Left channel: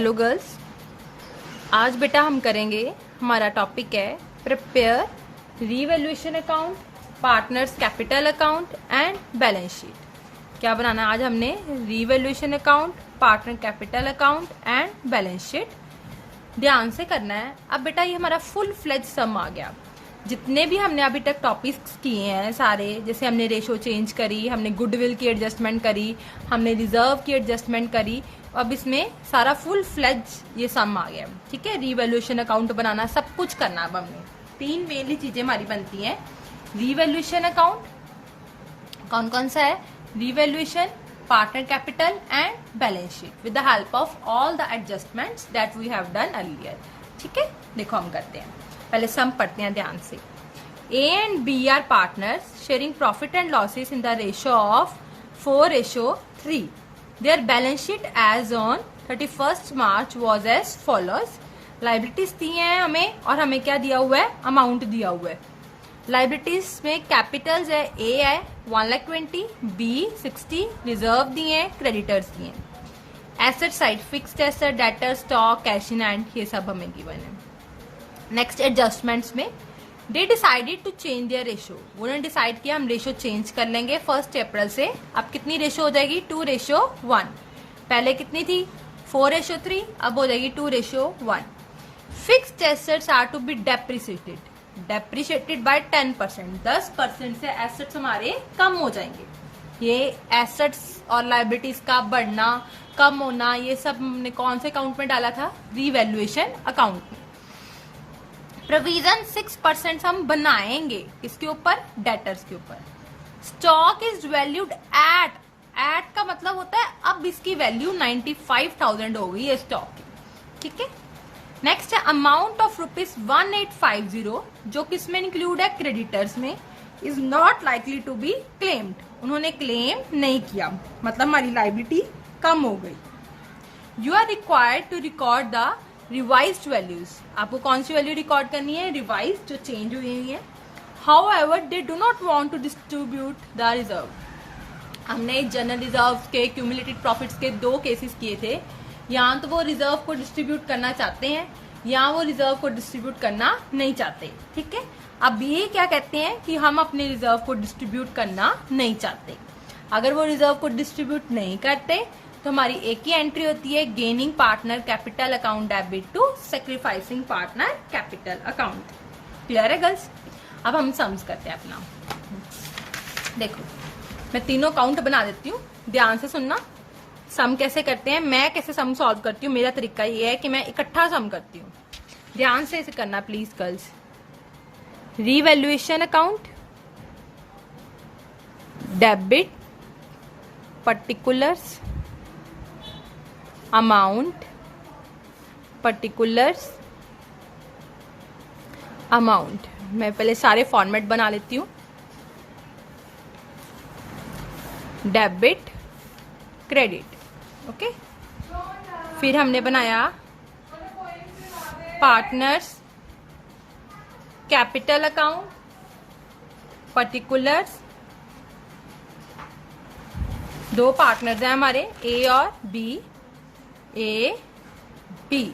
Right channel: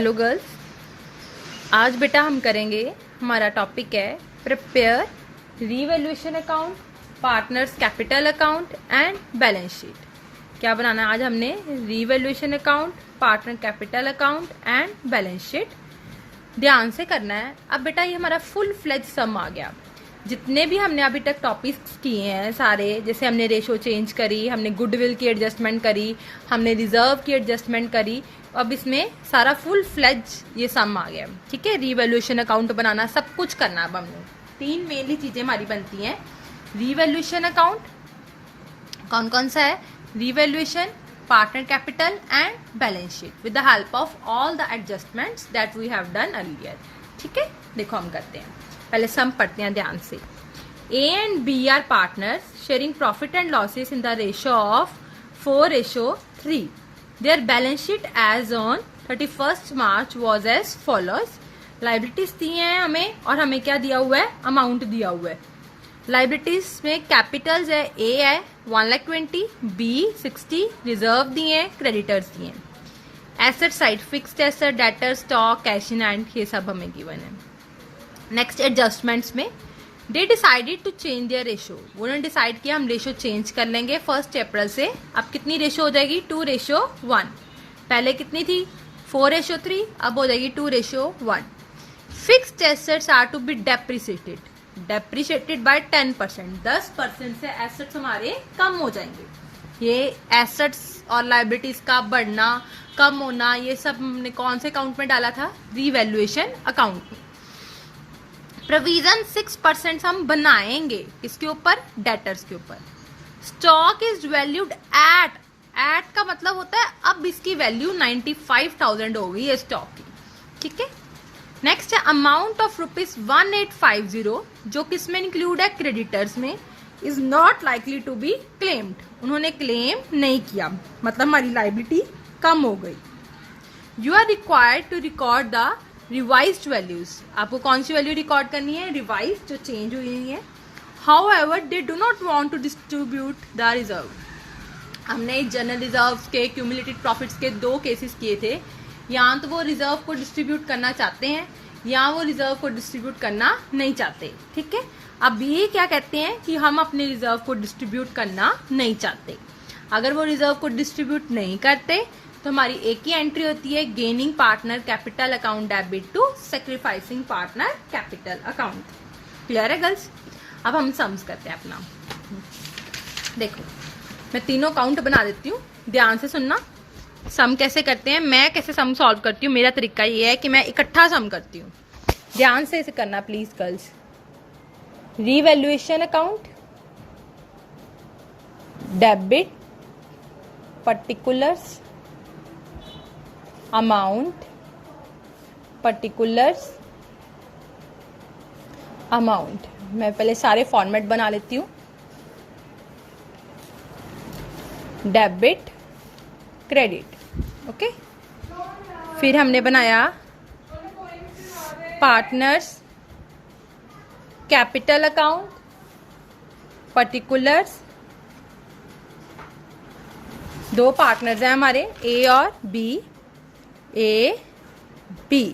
Hello girls, आज बेटा हम करेंगे, हमारा टॉपिक है prepare revaluation account, partners capital account and balance sheet. क्या बनाना है आज हमने? Revaluation account, partner capital account and balance sheet. ध्यान से करना है। अब बेटा ये हमारा फुल फ्लेज सम आ गया। जितने भी हमने अभी तक टॉपिक्स किए हैं सारे, जैसे हमने रेशो चेंज करी, हमने गुडविल की एडजस्टमेंट करी, हमने रिजर्व की एडजस्टमेंट करी, अब इसमें सारा फुल फ्लेज ये सम आ गया। ठीक है, रीवैल्यूएशन अकाउंट बनाना, सब कुछ करना। अब हमने तीन मेनली चीजें हमारी बनती हैं। रीवैल्यूएशन अकाउंट कौन कौन सा है? Revaluation, partner capital and balance sheet with the help of all the adjustments that we have done earlier. ठीक है, देखो हम करते हैं। पहले सम पढ़ते हैं ध्यान से। A and B are partners sharing profit and losses in the ratio of 4:3। Their balance sheet as on 31st March was as follows। Liabilities दी हैं हमें और हमें क्या दिया हुआ है? अमाउंट दिया हुआ है। लाइबिलिटीज में कैपिटल्स है, ए है 1,20,000, बी 60, रिजर्व दिए हैं, क्रेडिटर्स दिए हैं। Asset side fixed asset, debtor, stock, cash in hand, ये सब हमें गिवन है। नेक्स्ट एडजस्टमेंट्स में they decided to change their ratio. उन्होंने डिसाइड किया हम रेशो चेंज कर लेंगे 1 अप्रैल से। अब कितनी रेशो हो जाएगी? 2:1। पहले कितनी थी? 4:3, अब हो जाएगी 2:1। Fixed assets are to be depreciated by 10%। 10% से एसेट्स हमारे कम हो जाएंगे। ये एसेट्स और लाइबिलिटीज का बढ़ना, कम होना, ये सब हमने कौन से अकाउंट में डाला था? रीवैल्यूएशन अकाउंट में। प्रोविजन 6% हम बनाएंगे इसके ऊपर? डेटर्स के ऊपर। स्टॉक इज वैल्यूड एट का मतलब होता है अब इसकी वैल्यू 95,000 हो गई है स्टॉक की। ठीक है, नेक्स्ट है अमाउंट ऑफ ₹1850 जो किसमें इंक्लूड है? क्रेडिटर्स में। Is not likely to be claimed. उन्होंने क्लेम नहीं किया, मतलब हमारी लाइबिलिटी कम हो गई। You are required to record the revised values. आपको कौन सी वैल्यू रिकॉर्ड करनी है? रिवाइज्ड, जो चेंज हुई है। However they do not want to distribute the reserve. हमने जनरल रिजर्व के, क्यूमुलेटेड प्रॉफिट्स के 2 केसेस किए थे। यहाँ तो वो रिजर्व को डिस्ट्रीब्यूट करना चाहते हैं, यहाँ वो रिजर्व को डिस्ट्रीब्यूट करना नहीं चाहते। ठीक है, अब ये क्या कहते हैं कि हम अपने रिजर्व को डिस्ट्रीब्यूट करना नहीं चाहते। अगर वो रिजर्व को डिस्ट्रीब्यूट नहीं करते तो हमारी एक ही एंट्री होती है, gaining partner capital account debit to sacrificing partner capital account. Clear है गर्ल्स? अब हम सम्स करते हैं अपना। देखो मैं तीनों अकाउंट बना देती हूँ, ध्यान से सुनना। सम कैसे करते हैं, मैं कैसे सम सॉल्व करती हूँ, मेरा तरीका ये है कि मैं इकट्ठा सम करती हूँ। ध्यान से इसे करना please girls. Revaluation account, debit, particulars, amount, particulars, amount. मैं पहले सारे फॉर्मेट बना लेती हूँ। Debit, credit, okay. फिर हमने बनाया partners capital account, particulars. 2 partners हैं हमारे, ए और B. A B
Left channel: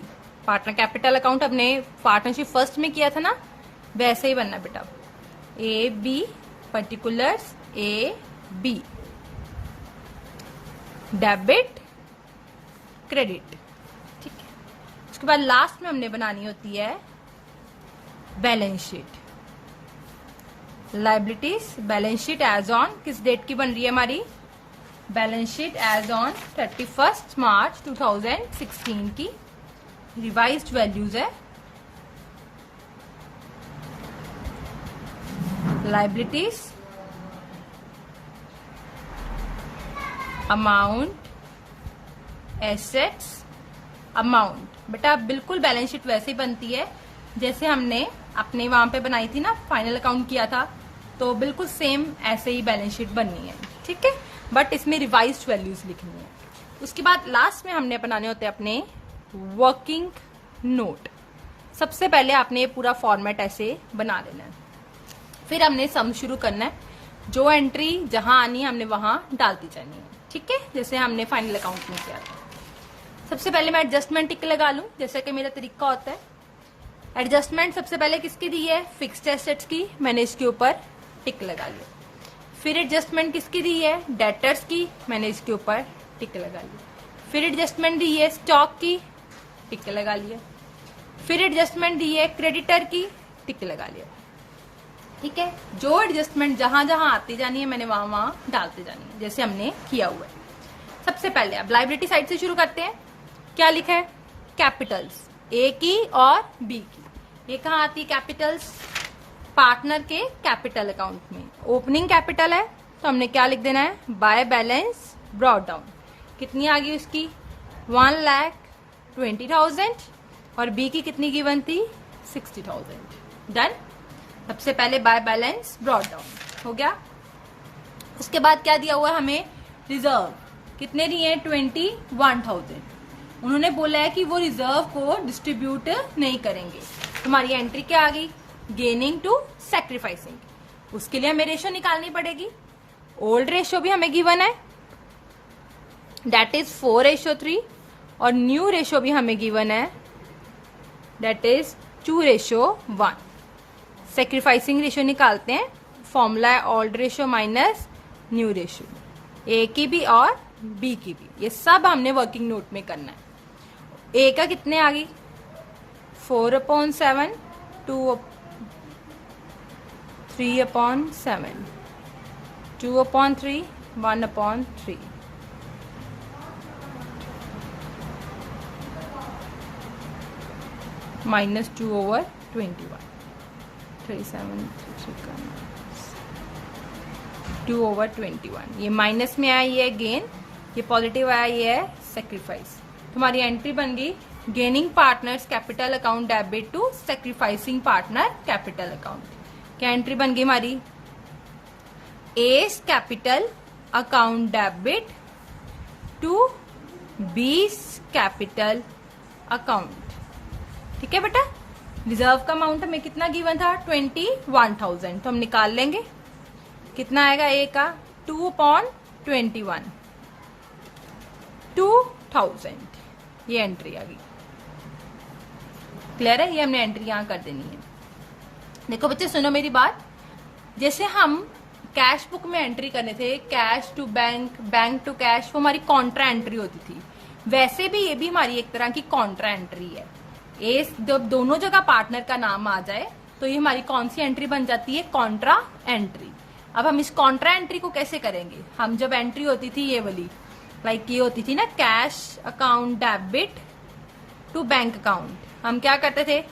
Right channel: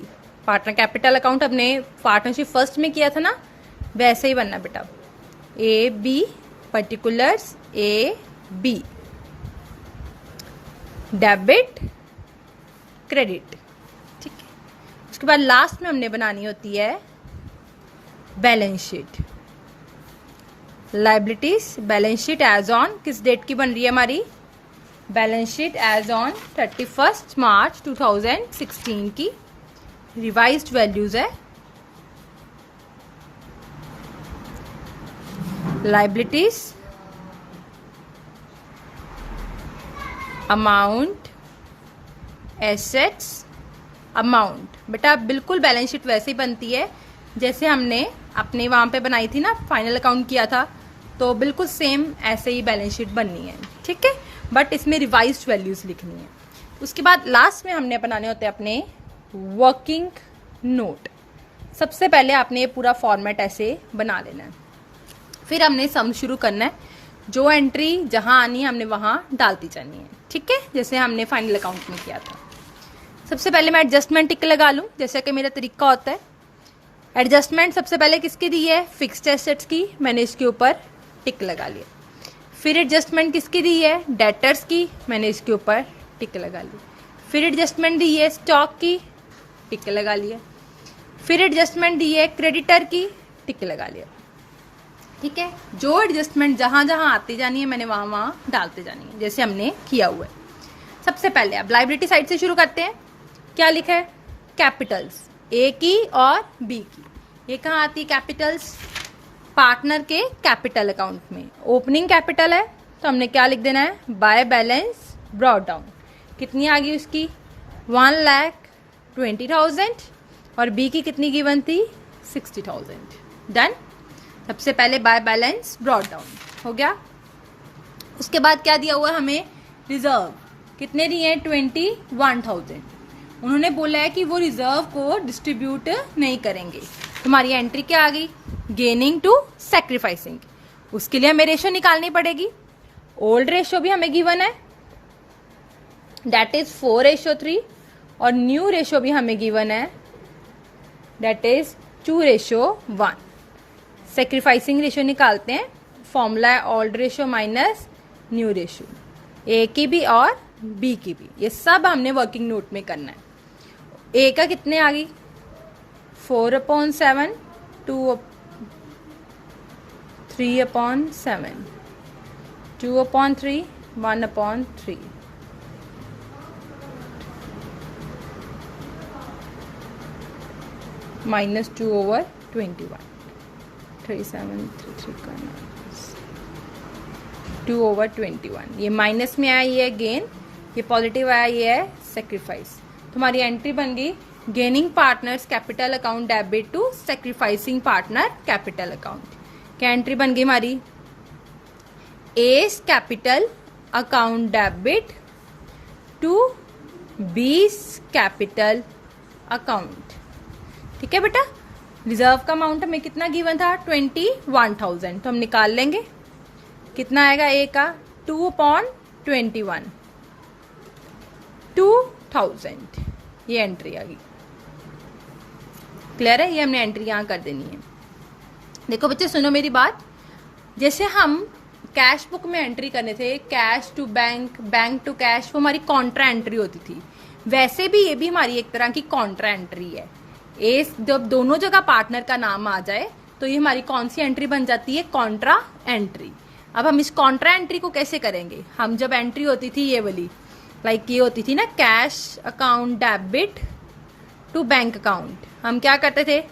partner capital account अपने पार्टनरशिप फर्स्ट में किया था ना, वैसे ही बनना बेटा। A B, particulars, A B, debit, credit. ठीक है, उसके बाद लास्ट में हमने बनानी होती है balance sheet. Liabilities balance sheet as on किस डेट की बन रही है हमारी? Balance sheet as on 31st March 2016 की। रिवाइज्ड वैल्यूज है। Liabilities, amount, assets, amount. बेटा बिल्कुल बैलेंस शीट वैसे ही बनती है जैसे हमने अपने वहां पे बनाई थी ना, फाइनल अकाउंट किया था, तो बिल्कुल सेम ऐसे ही बैलेंस शीट बननी है। ठीक है, बट इसमें रिवाइज्ड वैल्यूज लिखनी है। उसके बाद लास्ट में हमने बनाने होते हैं अपने वर्किंग नोट। सबसे पहले आपने ये पूरा फॉर्मेट ऐसे बना लेना है, फिर हमने सम शुरू करना है। जो एंट्री जहां आनी है हमने वहां डालती जानी है। ठीक है, जैसे हमने फाइनल अकाउंट में किया था। सबसे पहले मैं एडजस्टमेंट टिक लगा लूँ, जैसे कि मेरा तरीका होता है। एडजस्टमेंट सबसे पहले किसकी दी है? फिक्स्ड एसेट्स की, मैंने इसके ऊपर टिक लगा लिया। फिर एडजस्टमेंट किसकी दी है? डेटर्स की, मैंने इसके ऊपर टिक लगा लिया। फिर एडजस्टमेंट दी है स्टॉक की, टिक लगा लिया। फिर एडजस्टमेंट दी है क्रेडिटर की, टिक लगा लिया। ठीक है, जो एडजस्टमेंट जहां जहां आती जानी है मैंने वहां वहां डालते जानी है, जैसे हमने किया हुआ है। सबसे पहले अब लायबिलिटी साइड से शुरू करते हैं। क्या लिखा है? कैपिटल्स, ए की और बी की। ये कहाँ आती है कैपिटल्स? पार्टनर के कैपिटल अकाउंट में। ओपनिंग कैपिटल है तो हमने क्या लिख देना है? By balance brought down. कितनी आ गई उसकी? 1,20,000 और बी की कितनी गिवन थी? 60,000। डन। सबसे पहले बाय बैलेंस ब्रॉट डाउन हो गया। उसके बाद क्या दिया हुआ है हमें? रिजर्व। कितने दिए हैं? 21,000। उन्होंने बोला है कि वो रिजर्व को डिस्ट्रीब्यूट नहीं करेंगे। तुम्हारी एंट्री क्या आ गई? Gaining to sacrificing. उसके लिए हमें रेशो निकालनी पड़ेगी। ओल्ड रेशो भी हमें गिवन है, दैट इज 4:3 और न्यू रेशो भी हमें गिवन है, दैट इज 2:1। सैक्रिफाइसिंग रेशो निकालते हैं। फॉर्मूला है old ratio minus new ratio, A की भी और बी की भी। ये सब हमने वर्किंग नोट में करना है। ए का कितने आ गई? 4/7, 3/7, 2/3, 1/3। माइनस 2/21, 3733 2/21। ये माइनस में आया, ये गेन, ये पॉजिटिव आया, ये है सेक्रीफाइस। तुम्हारी एंट्री बन गई gaining partners capital account debit to sacrificing partner capital account. क्या एंट्री बन गई हमारी? A's capital account debit to B's capital account. ठीक है बेटा। रिजर्व का अमाउंट हमें कितना गिवन था? 21,000। तो हम निकाल लेंगे कितना आएगा ए का? 2/21, 2,000। ये एंट्री आ गई। क्लियर है? ये हमने एंट्री यहां कर देनी है। देखो बच्चे सुनो मेरी बात। जैसे हम कैश बुक में एंट्री करने थे, cash to bank, bank to cash, वो हमारी कॉन्ट्रा एंट्री होती थी। वैसे भी ये भी हमारी एक तरह की कॉन्ट्रा एंट्री है। जब दोनों जगह पार्टनर का नाम आ जाए तो ये हमारी कौन सी एंट्री बन जाती है? Contra entry. अब हम इस कॉन्ट्रा एंट्री को कैसे करेंगे? हम जब एंट्री होती थी ये वाली, लाइक ये होती थी ना, cash account debit to bank account, हम क्या करते थे?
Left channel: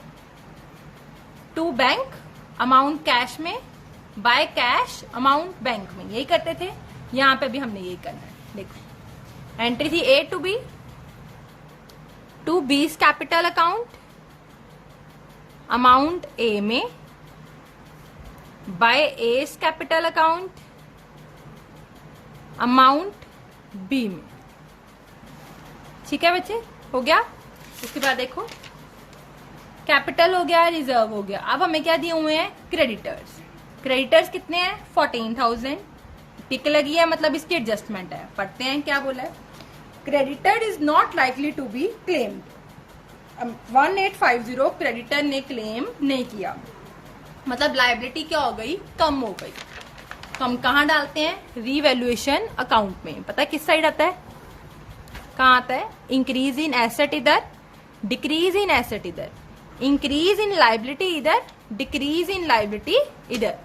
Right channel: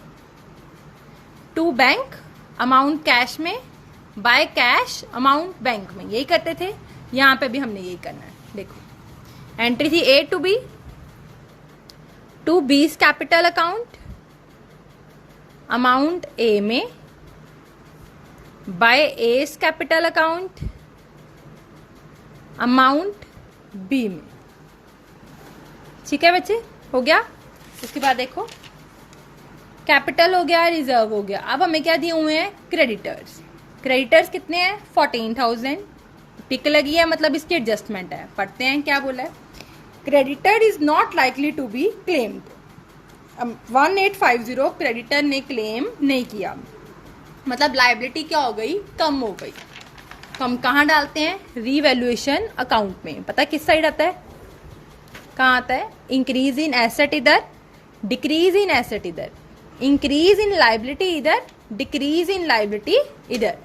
टू बैंक अमाउंट कैश में, बाय कैश अमाउंट बैंक में, यही करते थे। यहां पे भी हमने यही करना है। देखो एंट्री थी A to B, to B's capital account, amount A में, by S capital account, amount B में। ठीक है बच्चे, हो गया। उसके बाद देखो कैपिटल हो गया, रिजर्व हो गया। अब हमें क्या दिए हुए हैं? क्रेडिटर्स। क्रेडिटर्स कितने हैं? 14,000। टिक लगी है, मतलब इसकी एडजस्टमेंट है। पढ़ते हैं क्या बोला है। Creditor is not likely to be claimed. 1850 creditor ने क्लेम नहीं किया, मतलब लायबिलिटी क्या हो गई? कम हो गई। तो हम कहाँ डालते हैं? रीवैल्यूएशन अकाउंट में। पता है किस साइड आता है? कहाँ आता है? इंक्रीज इन एसेट इधर, डिक्रीज इन एसेट इधर, इंक्रीज इन लायबिलिटी इधर, डिक्रीज इन लायबिलिटी इधर।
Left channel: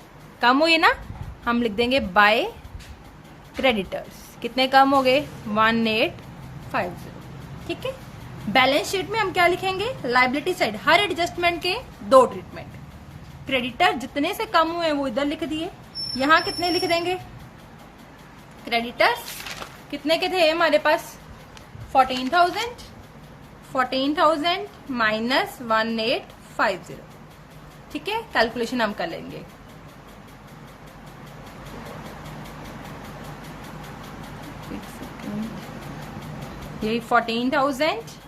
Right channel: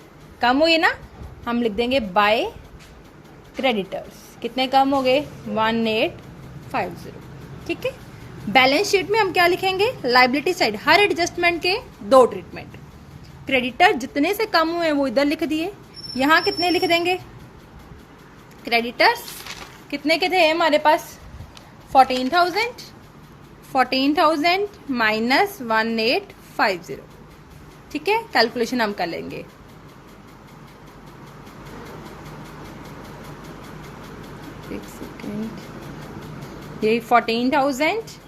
कम हुई ना, हम लिख देंगे बाय क्रेडिटर्स। कितने कम हो गए? 1850। ठीक है। बैलेंस शीट में हम क्या लिखेंगे? लायबिलिटी साइड हर एडजस्टमेंट के दो ट्रीटमेंट। क्रेडिटर जितने से कम हुए वो इधर लिख दिए। यहां कितने लिख देंगे? क्रेडिटर्स कितने के थे हमारे पास? 14,000, 14,000 माइनस 1850। ठीक है, कैलकुलेशन हम कर लेंगे। ये 14,000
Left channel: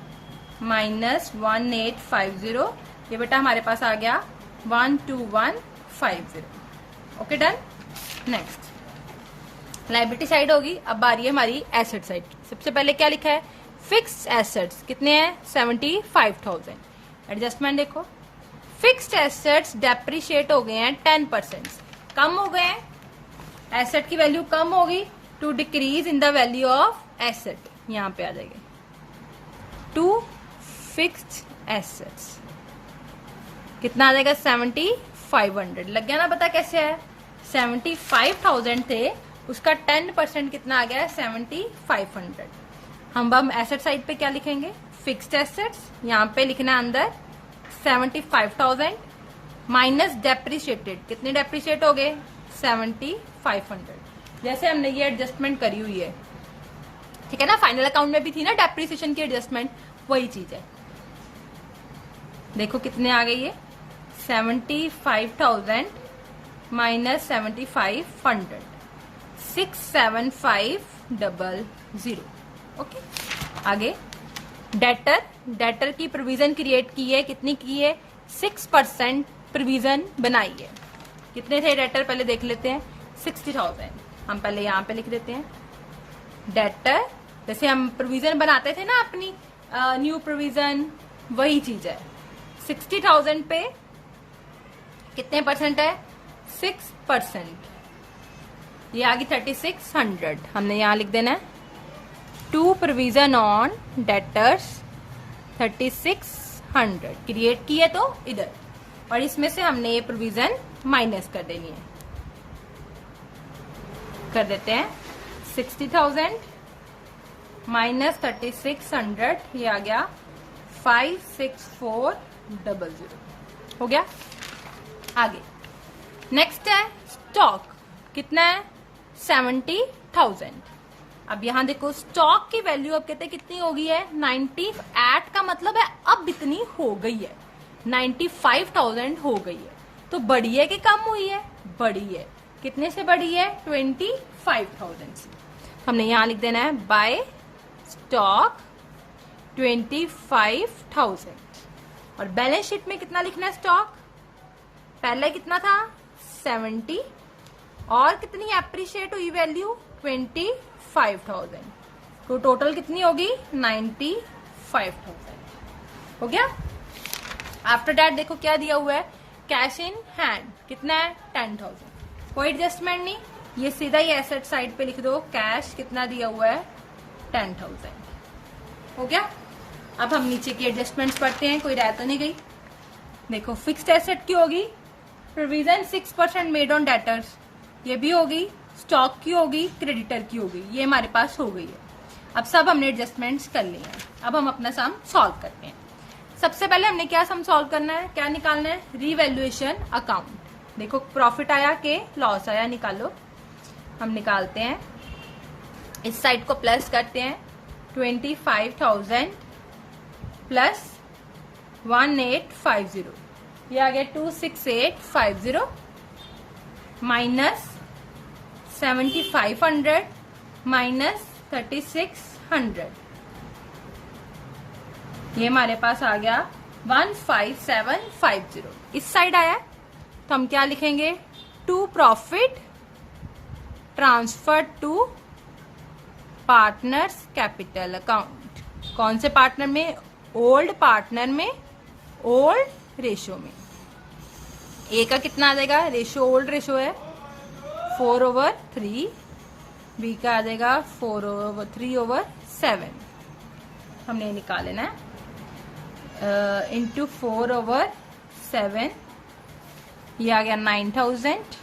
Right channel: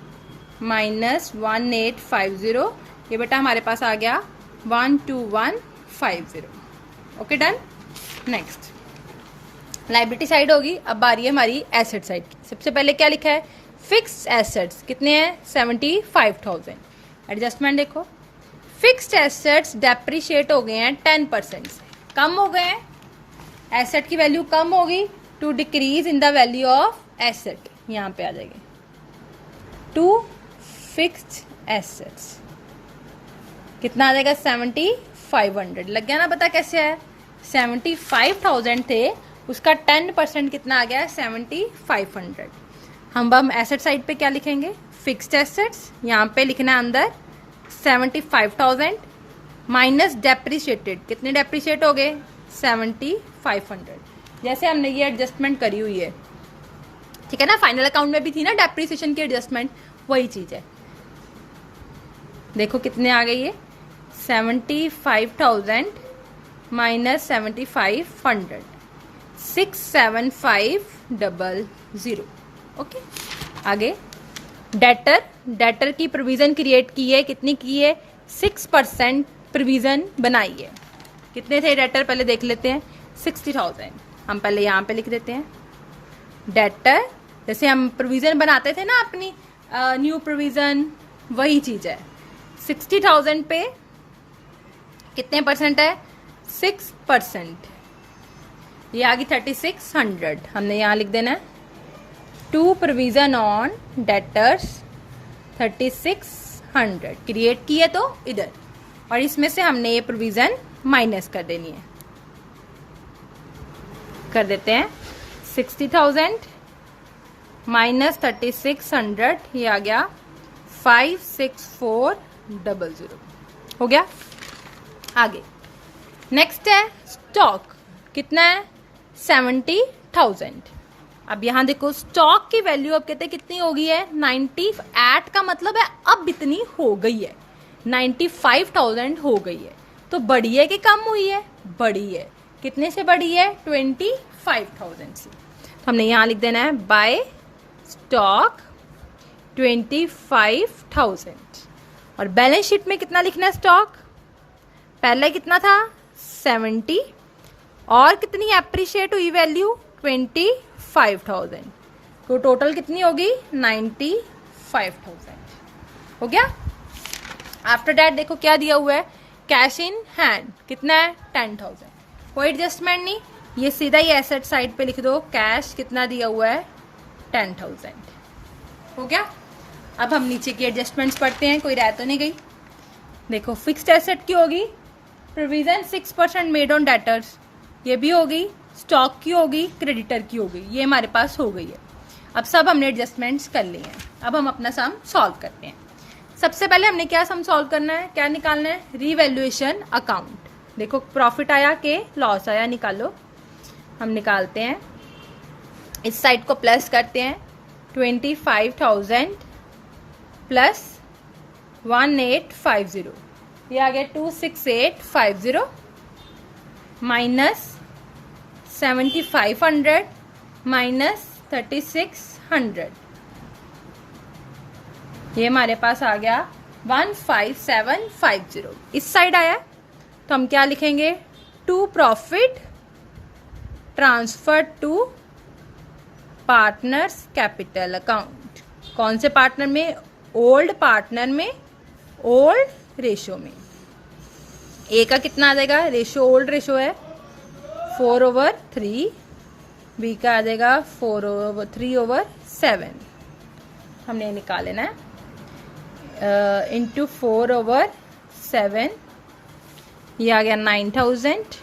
माइनस 1850, ये बेटा हमारे पास आ गया 12150। Okay done. Next liability side होगी। अब बारी है हमारी एसेट साइड। सबसे पहले क्या लिखा है? फिक्स्ड एसेट्स कितने हैं 75,000। एडजस्टमेंट देखो, फिक्स्ड एसेट्स डेप्रिशिएट हो गए हैं 10%, कम हो गए हैं, एसेट की वैल्यू कम होगी, to decrease in the value of asset, यहां पे आ जाएगी टू फिक्स्ड एसेट्स कितना आ जाएगा 7,500। लग गया ना पता कैसे है, 75,000 थे, उसका 10% कितना आ गया 7,500। हम एसेट साइड पे क्या लिखेंगे, फिक्स्ड एसेट्स, यहाँ पे लिखना है अंदर 75,000 माइनस डेप्रिशिएटेड, कितने डेप्रिशिएट हो गए 7,500। जैसे हमने ये एडजस्टमेंट करी हुई है, ठीक है ना, फाइनल अकाउंट में भी थी ना डेप्रिसिएशन की एडजस्टमेंट, वही चीज है। देखो कितने आ गई है 75,000 माइनस 7,500, 67500। ओके, आगे डेटर की प्रोविजन क्रिएट की है, कितनी की है 6% प्रोविजन बनाई है। कितने थे डेटर पहले देख लेते हैं, 60,000। हम पहले यहाँ पे लिख देते हैं डेटर, जैसे हम प्रोविजन बनाते थे ना अपनी न्यू प्रोविजन, वही चीज है। 60,000 पे कितने परसेंट है 6%, ये आ गई 3,600। हमने यहाँ लिख देना है to provision on debtors 3,600 create की है तो इधर, और इसमें से हमने ये प्रोविजन माइनस कर देनी है, कर देते हैं 60,000 माइनस 3,600, ये आ गया 5,6400 हो गया। आगे नेक्स्ट है स्टॉक, कितना है 70,000। अब यहां देखो स्टॉक की वैल्यू अब कहते हैं कितनी हो गई है 98 का मतलब है अब इतनी हो गई है, 95,000 हो गई है। तो बढ़ी है कि कम हुई है, बढ़ी है। कितने से बढ़ी है 25,000 से। हमने यहां लिख देना है बाय स्टॉक 25,000। और बैलेंस शीट में कितना लिखना है स्टॉक, पहले कितना था 70 और कितनी एप्रिशिएट हुई वैल्यू 25,000, तो टोटल कितनी होगी 95,000 हो गया। आफ्टर दैट देखो क्या दिया हुआ है, कैश इन हैंड कितना है 10,000, कोई एडजस्टमेंट नहीं, ये सीधा ही एसेट साइड पे लिख दो, कैश कितना दिया हुआ है 10,000 हो गया। अब हम नीचे की एडजस्टमेंट्स पढ़ते हैं, कोई रह तो नहीं गई। देखो फिक्स्ड एसेट की होगी प्रोविजन 6% मेड ऑन डेटर्स, ये भी होगी, स्टॉक की होगी, क्रेडिटर की होगी, ये हमारे पास हो गई है। अब सब हमने एडजस्टमेंट्स कर लिए हैं, अब हम अपना सम सॉल्व करते हैं। सबसे पहले हमने क्या सम सॉल्व करना है, क्या निकालना है रीवैल्यूएशन अकाउंट। देखो प्रॉफिट आया के लॉस आया, निकालो। हम निकालते हैं, इस साइड को प्लस करते हैं 25,000 प्लस 1850, ये आ गया 26850 माइनस 7,500 माइनस 3,600, ये हमारे पास आ गया 15,750। इस साइड आया तो हम क्या लिखेंगे, to profit transfer to partners capital account. कौन से पार्टनर में, ओल्ड पार्टनर में, ओल्ड रेशो में। ए का कितना आ जाएगा, रेशो ओल्ड रेशो है 4/3, बी का आ जाएगा 3/7। हमने निकाल लेना है इंटू 4/7, ये आ गया 9,000,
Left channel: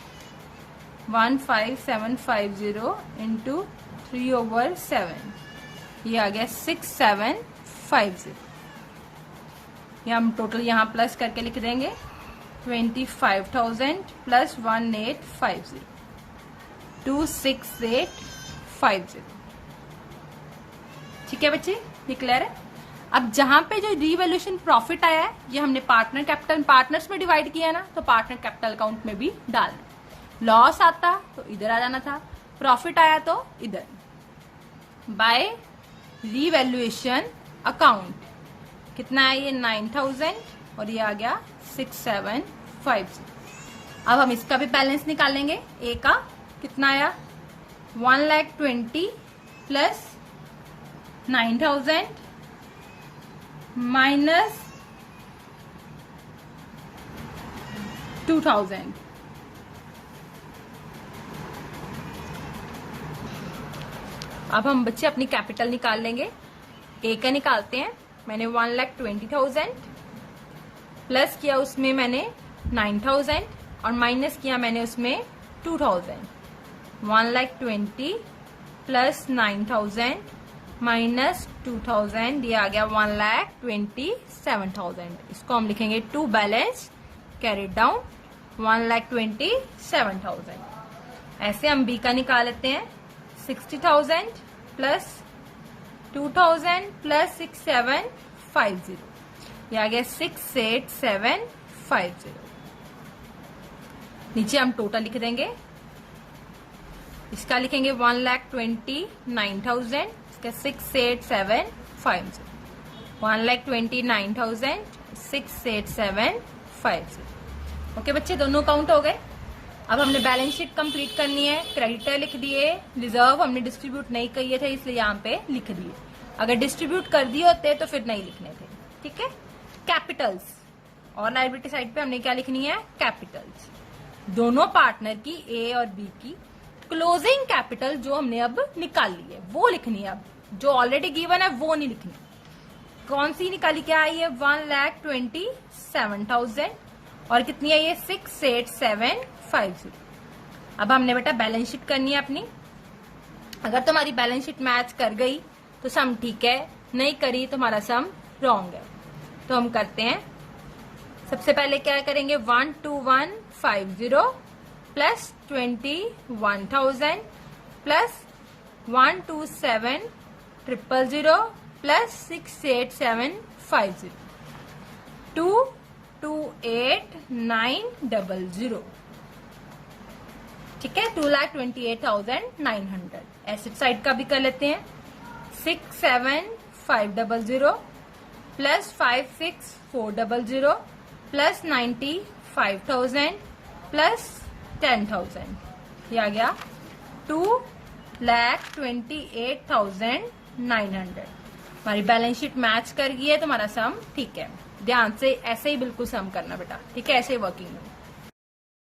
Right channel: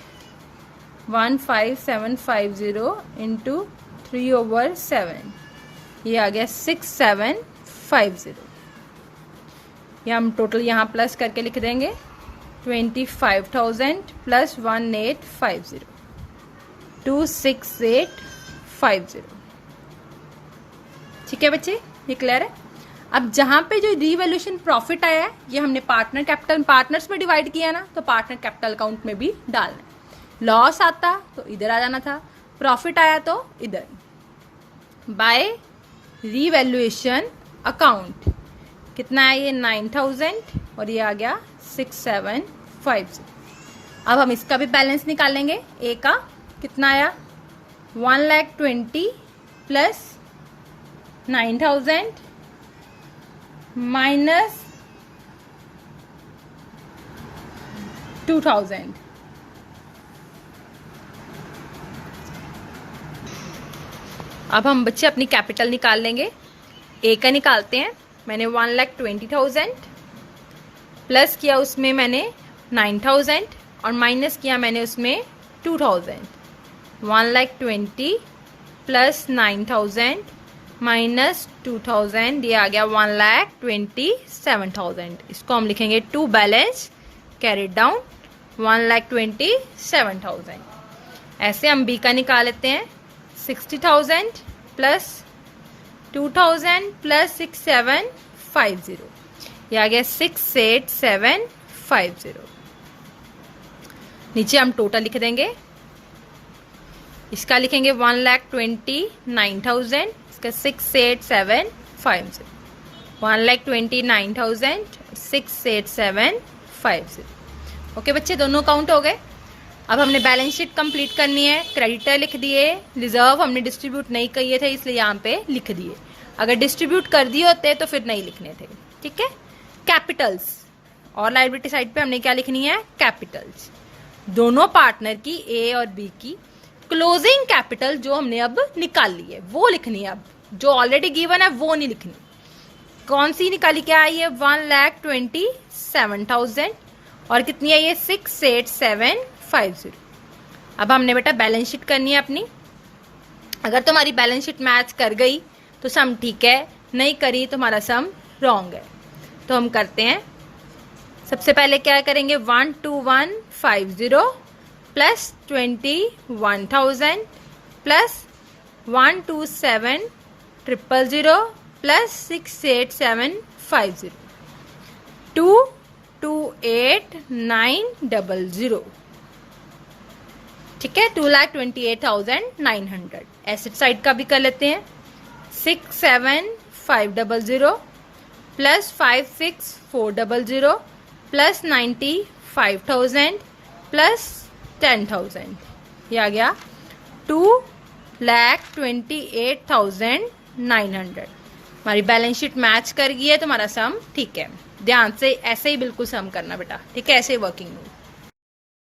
15,750 इंटू 3/7, ये आ गया 6,750। ये हम टोटल यहाँ प्लस करके लिख देंगे 25,000 प्लस 1850, 26850। ठीक है बच्चे, ये क्लियर है। अब जहां पे जो रीवैल्यूएशन प्रॉफिट आया है, ये हमने पार्टनर कैपिटल पार्टनर्स में डिवाइड किया ना, तो पार्टनर कैपिटल अकाउंट में भी डालना। लॉस आता तो इधर आ जाना था, प्रॉफिट आया तो इधर। बाय रीवैल्यूएशन अकाउंट कितना है, ये 9,000 और ये आ गया 6,750। अब हम इसका भी बैलेंस निकालेंगे। ए का कितना आया 1,20,000 प्लस 9,000 माइनस 2,000। अब हम बच्चे अपनी कैपिटल निकाल लेंगे। ए का निकालते हैं। मैंने 1,20,000 प्लस किया उसमें मैंने 9,000 और माइनस किया मैंने उसमें 2,000। 1,20,000 प्लस 9,000 माइनस 2,000, ये आ गया 1,27,000। इसको हम लिखेंगे टू बैलेंस कैरिड डाउन 1,27,000। ऐसे हम बी का निकाल लेते हैं। 60,000 प्लस 2,000 प्लस 6,750, ये आ गया 6,8,750। नीचे हम टोटल लिख देंगे। इसका लिखेंगे 1,29,000, इसका 6,8,750। 1,29,000 6,8,750। ओके बच्चे, दोनों काउंट हो गए। अब हमने बैलेंस शीट कंप्लीट करनी है। क्रेडिटर लिख दिए, रिजर्व हमने डिस्ट्रीब्यूट नहीं किए थे इसलिए यहाँ पे लिख दिए। अगर डिस्ट्रीब्यूट कर दिए होते तो फिर नहीं लिखने थे। ठीक है। कैपिटल्स और लायबिलिटी साइड पे हमने क्या लिखनी है? कैपिटल्स। दोनों पार्टनर की, ए और बी की क्लोजिंग कैपिटल जो हमने अब निकाल ली है वो लिखनी है। अब जो ऑलरेडी गिवन है वो नहीं लिखनी। कौन सी निकाली? क्या आई है? 1,27,000 और कितनी है ये? 6,8,750। अब हमने बेटा बैलेंस शीट करनी है अपनी। अगर तुम्हारी बैलेंस शीट मैच कर गई तो सम ठीक है, नहीं करी तो हमारा सम रॉन्ग है। तो हम करते हैं। सबसे पहले क्या करेंगे? 1,21,50 प्लस 21,000 प्लस 1,27,000 प्लस 6,8,750 2,28,900। ठीक है, 2,28,900। एसेट साइड का भी कर लेते हैं। 6,7,500 प्लस 5,6,400 प्लस 95,000 प्लस 10,000, ये आ गया 2,28,900। हमारी बैलेंस शीट मैच कर गई है तो हमारा सम ठीक है। ध्यान से ऐसे ही बिल्कुल सम करना बेटा। ठीक है, ऐसे वर्किंग हो।